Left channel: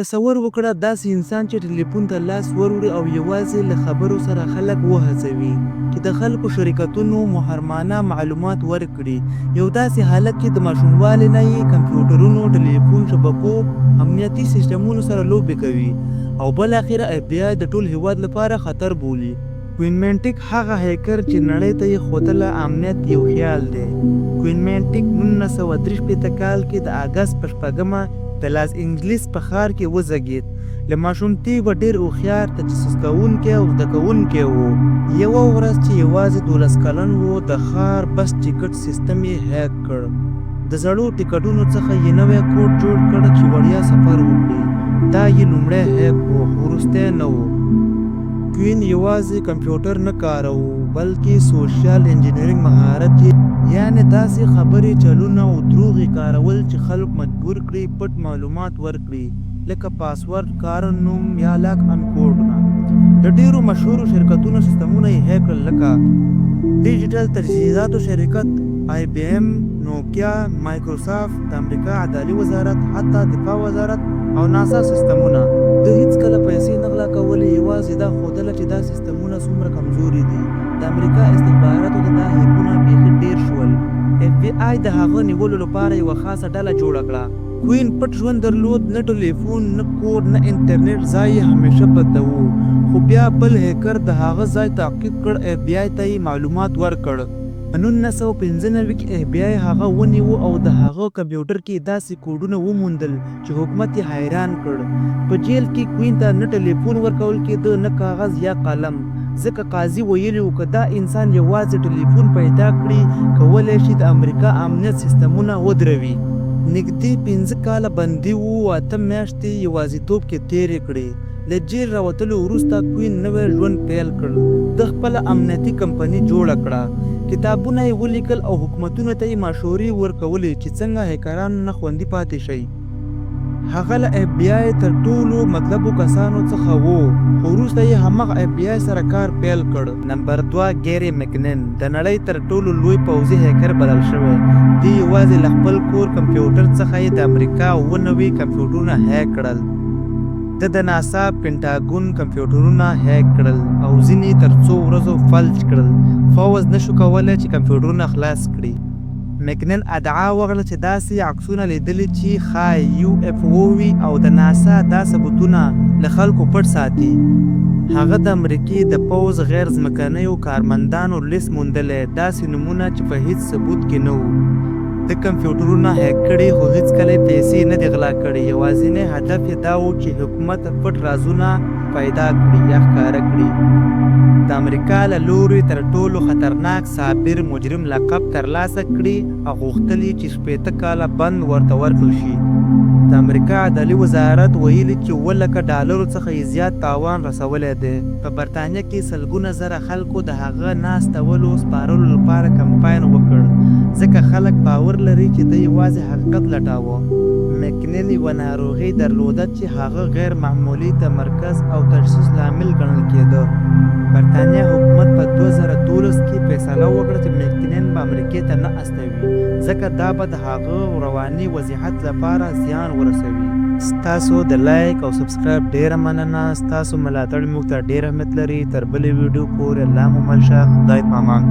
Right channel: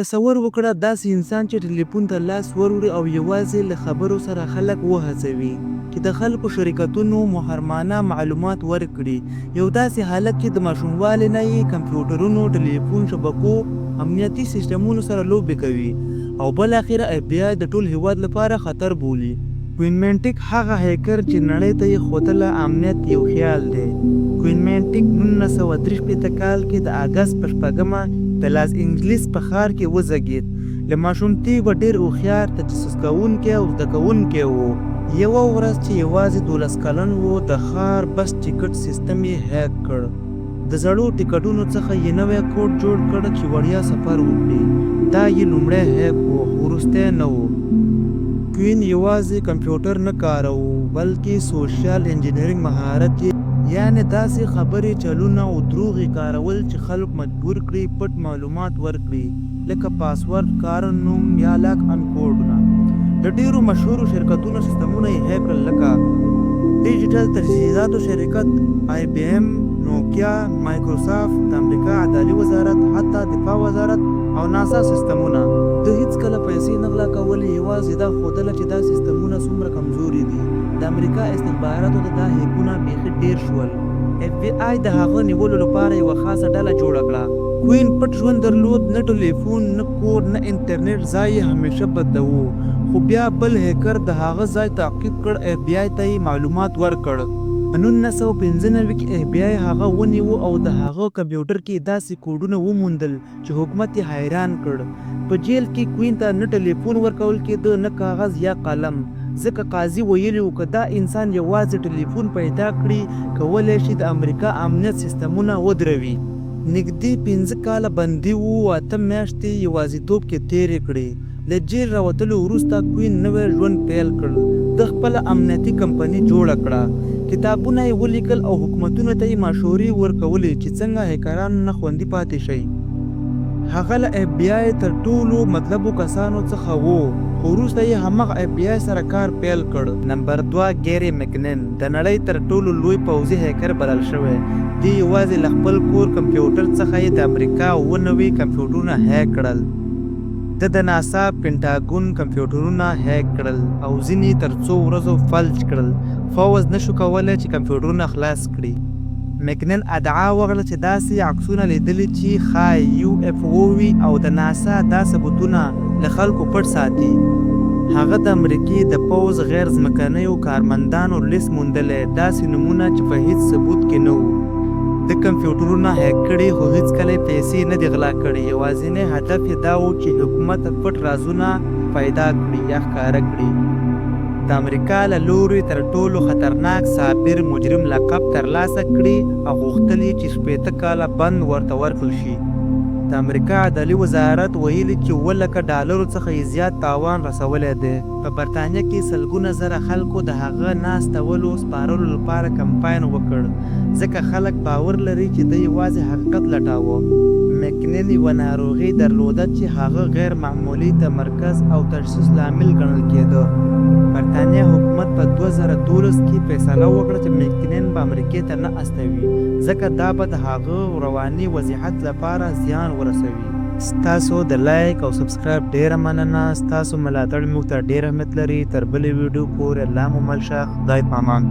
تصور وکړه داسې انسان چې ټلیفون ته لاس وروړي او یوازې له خبرو سره خلک وهڅوي چې د خلکو شرکتونو محرمانه معلومات ورکړي. یو داسې حالت کې د ماشوموالي نه یې کمپیوټرونو، ټلیفون شبکو، امنیتي سیسټمونو سره لوبې کوي او بالاخره اف بی آی د ټول هیواد لپاره خطر بولي. کوین مینټیک هغه هیکر چې نړۍ ته یې ښودله امنیت یو خیال دی. کوین مینټیک 1963 کال کې د اګست په 6 د لاس انجلیس په ښار کې وزګید. له ماشومتوبه ډېر هوښیار، تجسس کوونکی او زده کوونکی و. یوه ورځ چې یوازې 12 کلن و، د ښار بس ټیکټ سیستم یې هیک کړ. د زړو ټیکټونو څخه یې نوی کوډ جوړ کړ چې وړیا سفر وکړي. دا یې لومړی هیک و، خو وروستی نه و. کوین یوازې کمپیوټر نه کاروه بلکې سوشل انجینرینګ مهارت یې، یعنې داسې خبرې، چلونه او دروغ یې کارول چې خلک مجبور کړي پټ معلومات ورکړي، لکه پاسورډ، کار نوم یا لاک ان کوډونه. د ډیرو مشهورو شرکتونو سیستمونه یې هیک کړل، لکه ډیجیټل تجهیزاتو شرکت آی بی ایم، نوکیا، مایکروسافت، د امریکا عدالي وزارت، حتی دفاع وزارت او ناسا سیستمونه. د هیڅ کله پیسې نه غلا کولې، یوازې دا ښودله چې دا سیستمونه څومره کمزوري دي. د امریکا استخباراتو ته دا هیکونه بیخي ډیر شول. اف بی آی د هغه نیولو لپاره یوه خاصه ډله جوړه کړه. کوین پټ ژوند درلود، نه ټلیفون، نه کور، نه انټرنیټ. ځای یې همیشه بدلو، خو بیا بل هیکر د هغه ځای تعقیب کړ، اف بی آی ته یې معلومات ورکړ. په 1995 کې اف بی آی هغه ونیو او د هغه کمپیوټر کې داسې کوډونه وموندل چې حکومت یې حیران کړ. په جیل کې کوین ته نه ټلیفون ورکول کېده، نه کاغذ یا قلم، ځکه قاضي ویلي و که دا انسان یوازې ټلیفون پیدا کړي، کولی شي د امریکا امنیت سیستمونه ودروي. نږدې 5 کاله بندي و، 8 میاشتې یوازیتوب کې تېرې کړې. له جیل راوتلو وروسته کوین نوی ژوند پیل کړ. د خپله امنیتي کمپنۍ جوړه کړه، کتابونه یې ولیکل او حکومتونو ته یې مشورې ورکولې چې څنګه هیکران نه خوندي پاتې شي. هغه له اف بی آی تر ټولو مطلبو کسانو څخه و، خو وروسته یې همغه اف بی آی سره کار پیل کړ. نمبر 2 ګیری مکنن د نړۍ تر ټولو لوی پوځي هیکر بلل شوی دی. یوازې له خپل کور کمپیوټر څخه یې د امریکا 90 کمپیوټرونه هیک کړل. د ناسا پینټاګون کمپیوټرونه هیک کړل او ځینې تر څو ورځو فلج کړل. فوز نشو کولی چې کمپیوټرونه خلاص کړي. مکنن ادعا وکړه چې داسې عکسونه لیدلي چې ښایي یو اف او وي او د ناسا دا ثبوتونه له خلکو پټ ساتي. هغه د امریکې د پوځ غیر ځمکنیو کارمندانو لیست موندلی، داسې نومونه چې په هیڅ ثبوت کې نه وو. د کمپیوټرونه هیک کړي، خو هیڅکله یې پیسې نه دي غلا کړي. یوازینی هدف یې دا و چې حکومت پټ رازونه پیدا کړي یا ښکاره کړي. د امریکا له لوري تر ټولو خطرناک صابر مجرم لقب ترلاسه کړي او غوښتل یې چې 60 کاله بند ورته ورکړل شي. د امریکا عدالي وزارت ویلي چې $1,00,000 څخه یې زیات تاوان رسولی دی. په برطانیه کې سلګونه زره خلکو د هغه ناستولو سپارلو لپاره کمپاین وکړ، ځکه خلک باور لري چې دی یوازې حقیقت لټاوه. مکنن یوه ناروغي درلوده چې هغه غیر معمولي تمرکز او تجسس لامل ګڼل کېده. برطانیه حکومت په 2012 کې فیصله وکړه چې مکنن به امریکې ته نه استوي، ځکه دا به د هغه رواني وضعیت لپاره زیان ورسوي. ستاسو د لایک او سبسکرایب ډیره مننه. ستاسو ملاتړ موږ ته ډیر اهمیت لري. تر بلې ویډیو پورې الله مو مل شه. خدای پامان.